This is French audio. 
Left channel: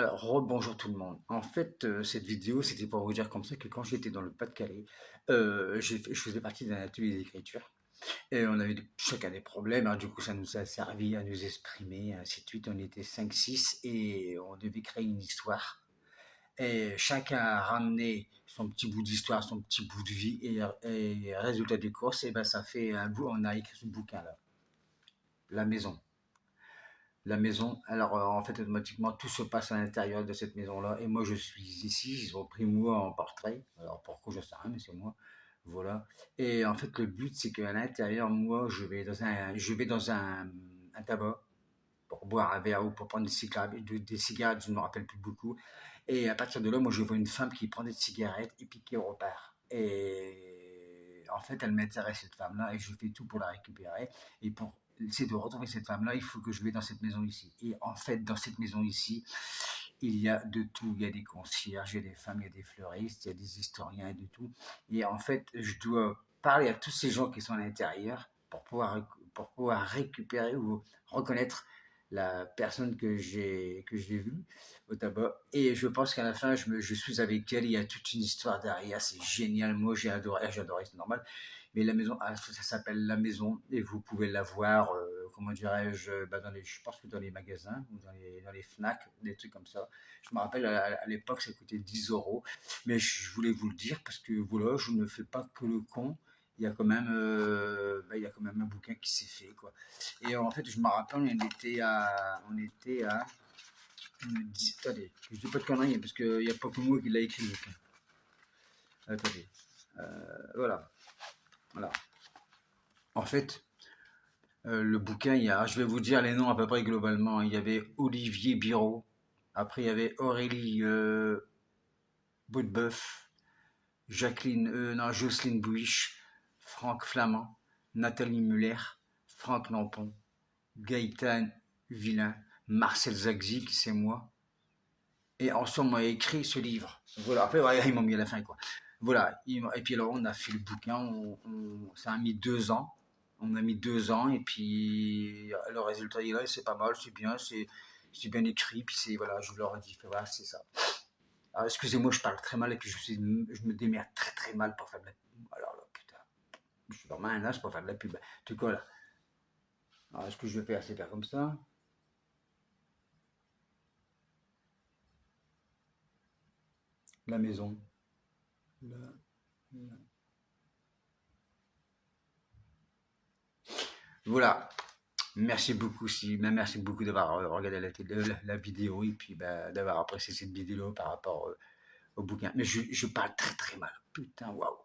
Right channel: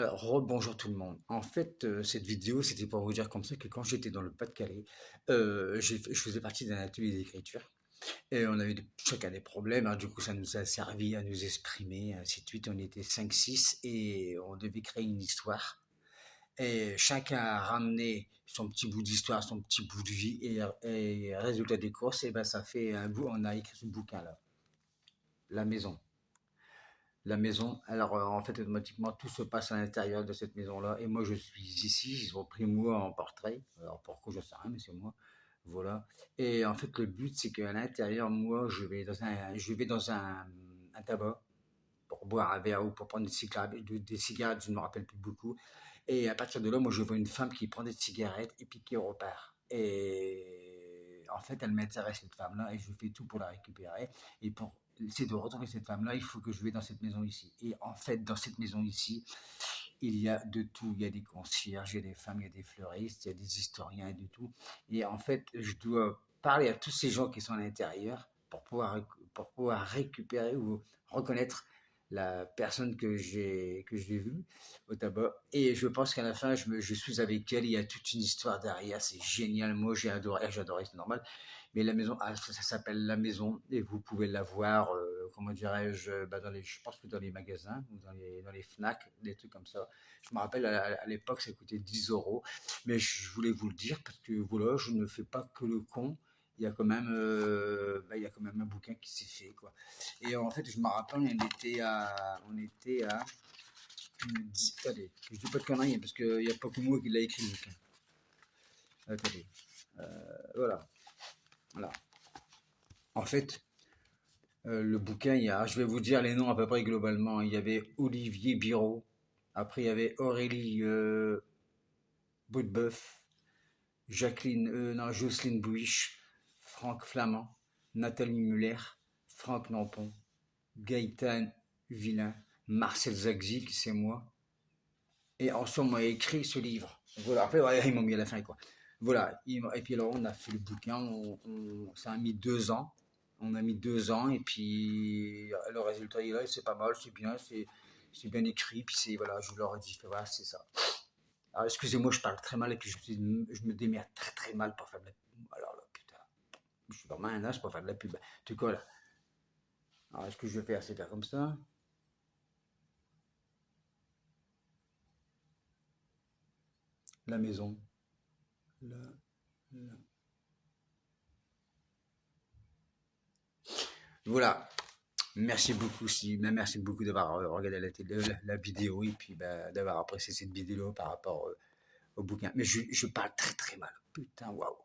Alors, rebonjour tout le monde. En fait, cette vidéo, c'était pour vous dire comme ça que quand j'étais dans le Pas-de-Calais, je faisais partie d'un atelier d'écriture et on avait chacun des problèmes. Alors, du coup, ça nous a servi à nous exprimer, ainsi de suite. On était cinq, six et on devait créer une histoire. Et chacun a ramené son petit bout d'histoire, son petit bout de vie et résultat des courses, et ben ça fait un bout. On a écrit ce bouquin-là, La Maison. La maison, alors en fait automatiquement tout se passe à l'intérieur de cette maison-là et moi je suis ici, ils ont pris moi en portrait, alors pourquoi je sais rien mais c'est moi, voilà. Et en fait le but c'est qu'à l'intérieur moi je vais dans un tabac pour boire un verre ou pour prendre des cigarettes, je ne me rappelle plus beaucoup. Et à partir de là, moi, je vois une femme qui prend des cigarettes et puis qui repart. Et en fait, elle m'intéresse, cette femme-là, et je fais tout pour la récupérer. Et pour essayer de retrouver cette femme-là, il faut que je vais dans cette maison ici. Et en fait, dans cette maison ici, il y a de tout. Il y a des concierges, il y a des femmes, il y a des fleuristes, il y a des historiens et de tout. Et en fait, je dois parler à tous ces gens qui sont à l'intérieur pour pouvoir récupérer ou reconnaître la personne que j'ai vue au tabac. Et je pense qu'à la fin, je suis avec elle. Il y a toute une histoire derrière. C'est génial. Moi, j'ai adoré, c'est normal. Mais la maison, ça s'appelle La Maison et vous pouvez la voir, comment dirais-je, je pense que dans les magasins ou dans les Fnac, des trucs comme ça. Je me rappelle à l'époque, ça coûtait 10 euros. Mais je voulais vous le dire parce que voilà, je ne fais pas que le con. Il y a quand même un bouquin qui s'est fait, quoi. Et en fait, je me rappelle, on était à, attendez, que je dis pas de conneries, parce qu'il n'y a pas que moi qui l'a écrit, le bouquin. Attendez, voilà, voilà. En fait, le bouquin, je vais vous dire les noms à peu près globalement. Il y avait Olivier Biraud, après il y avait Aurélie Boutbeuf, Jocelyne Bouiche, Franck Flamand, Nathalie Muller, Franck Lampon, Gaëtan Villain, Marcel Zagzi, qui c'est moi. Et ensemble, on a écrit ce livre. Voilà, après, voilà, ils m'ont mis à la fin, quoi. Voilà, et puis alors, on a fait le bouquin, ça a mis 2 ans. On a mis 2 ans, et puis le résultat est là, et c'est pas mal, c'est bien écrit, puis voilà, je leur ai dit, voilà, c'est ça. Alors, excusez-moi, je parle très mal, et puis je me démerde très très mal pour faire de la pub. Alors là, putain, je suis vraiment un as pour faire de la pub. En tout cas, là. Alors, ce que je vais faire, c'est faire comme ça. La maison. La- Voilà. Merci beaucoup d'avoir regardé la vidéo et puis d'avoir apprécié cette vidéo par rapport au bouquin. Mais je parle très très mal. Putain, waouh.